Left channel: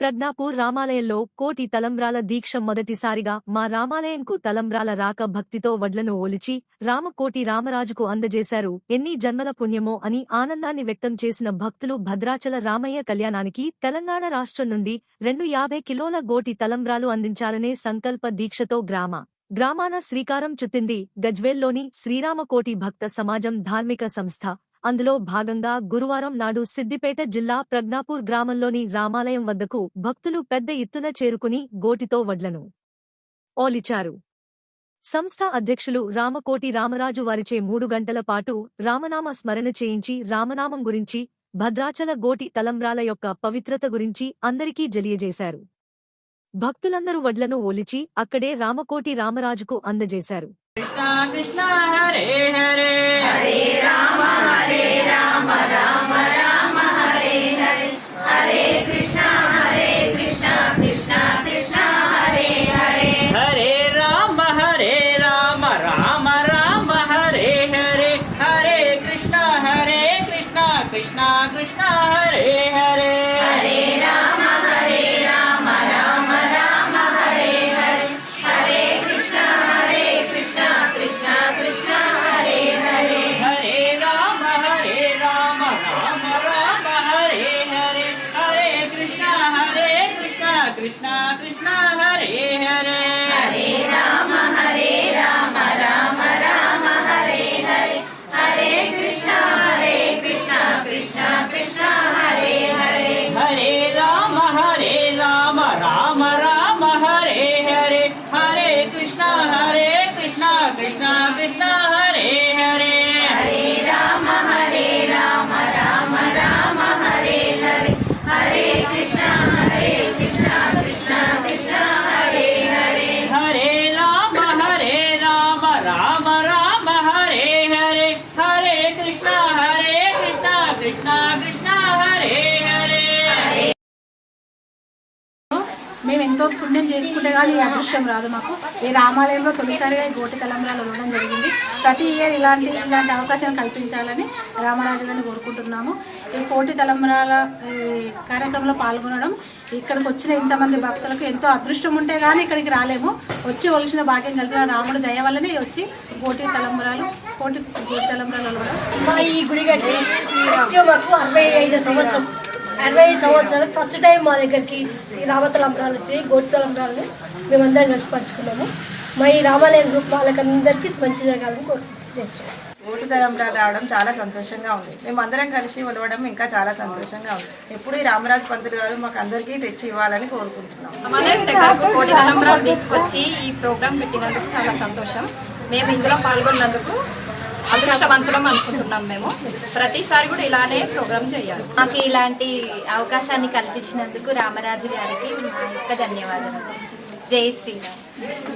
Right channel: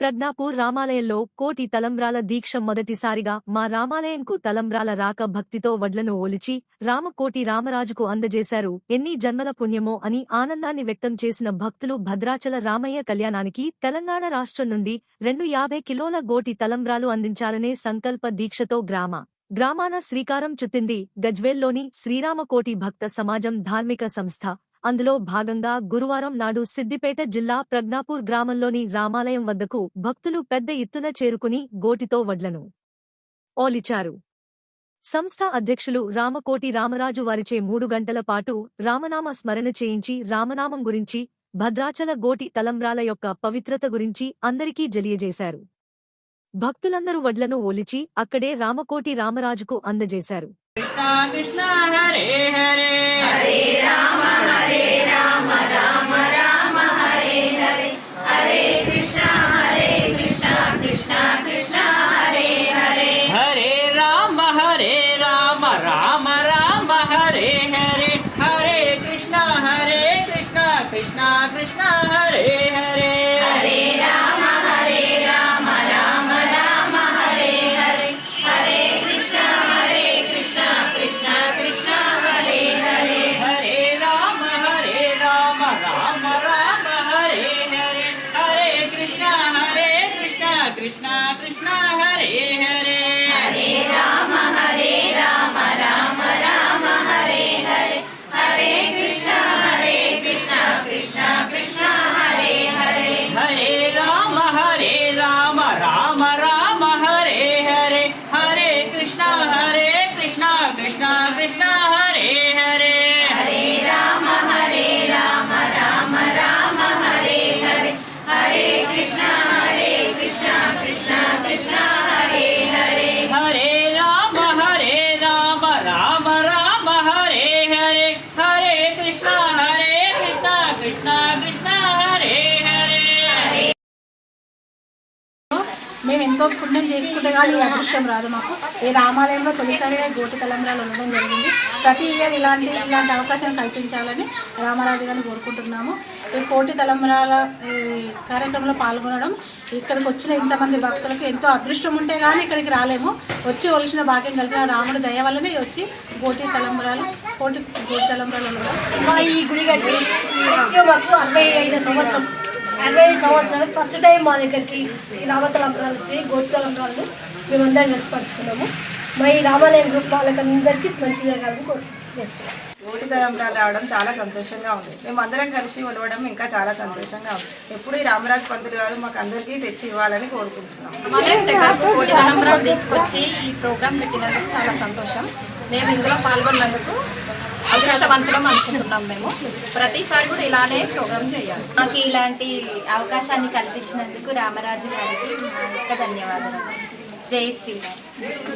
ప్రజ్ఞాపూర్ రామాలయంలో కోటి తలంబ్రాల దీక్ష మొదటిసారిగా మా రామాలయంకు తలంబ్రాల రాక భక్తితో వడ్లను ఒలిచి రామకోటి రామరాజుకు అందజేశారు. ఎన్ని జన్మల పుణ్యమో అని ఆనందాన్ని వ్యక్తం చేసిన భక్తులు భద్రాచల రామయ్య కళ్యాణానికి తెలంగాణ రాష్ట్రం నుండి రెండు యాభై కిలోల గోటి తలంబ్రాలు అందించాలనే సంకల్ప దీక్షతో గ్రామ గ్రామాన శ్రీకారం చుట్టింది. గజ్వేల్లోని శ్రీరామకోటి భక్త సమాజం ధార్మిక సంస్థ అందులో భాగంగా గురువారం నాడు సిద్దిపేట జిల్లా ప్రజ్ఞాపూర్ గ్రామంలోని రామాలయం వద్దకు భక్తులు పెద్ద ఎత్తున చేరుకుని గోటితో వడ్లను ఓలిచారు. సంస్థ అధ్యక్షులు రామకోటి రామరాజు వారిచే మూడు గంటల పాటు రామనామ స్మరణ చేయించి రామనామం గురించి భద్రాచల గోటి తలంబ్రాల యొక్క పవిత్రత గురించి అందరికీ తెలియజేశారు భక్తులందరూ వడ్లను ఓలిచి అక్కడే రామకోటి రామరాజుకు అందజేశారు. కృష్ణ కృష్ణ హరే మేము ఎంతో పుణ్యం చేసుకుంటే కానీ ఈ అదృష్టం రాదు మాకు. ఈ రామాలయంలో తొలిసారిగా గోటి తలంబ్రాలు ఉండడం జరిగింది. ప్రతి ఇయర్ ఇలాంటి ఇలాంటి అవకాశం కల్పించాలని రామరాజు గారిని కోరుకుంటున్నాము. ఈ కోటి తలంబ్రాల ఈ కార్యక్రమంలో పాల్గొనడం ఇక్కడికి వచ్చిన ఇంతమంది భక్తులకు ఎంతో అదృష్టం ఉంటే కానీ ఇక్కడికి రాలేము. వచ్చి ఒలిసిన భాగ్యం కలిగిన రాముడు దయ వల్లనే వచ్చి కోటి తలంబ్రాలు కోటి గోటి తలంబ్రాలు మన ఈ గుడి కట్టి మాకు అరవై ఐదు సంవత్సరం. అరవై సంవత్సరాలు ఫస్ట్ టైం మా దగ్గరికి ఈ రామతలంబరాలు వచ్చి గోటి తలంబరాలు మేమందరం కలిసి పంచుకున్నాము. మా ఈ రామాలయం గ్రూప్ వాళ్ళకందరికీ మంచి జరగాలని కోరు చేస్తున్నాం తలంబ్రాలు రావడం చాలా సంతోషంగా ఉంది. మేము అందరం కలిసి ఉండవడం ఇంకా చాలా సంతోషంగా ఉంది. ఎప్పుడు ఈ రామరాజు పంతులు గారు మాకు అందరికీ తెచ్చి ఇవ్వాలని కోరుకుంటున్నాం. రామాలయం దగ్గరకు తీసుకొచ్చి ఈ ప్రోగ్రాం పెట్టినందుకు చాలా సంతోషం. మేము ఇందులో పాల్గొన్నందుకు అదృష్టవంతులం అనుకుంటున్నాం మేము. ప్రతిసారి కూడా ఇలానే ప్రోగ్రాం చేయాలి. మాకు ఇలాంటి అవకాశాన్ని కల్పించినందుకు రామరాజు గారికి మా యొక్క ధన్యవాదాలు. జై శ్రీరామ్.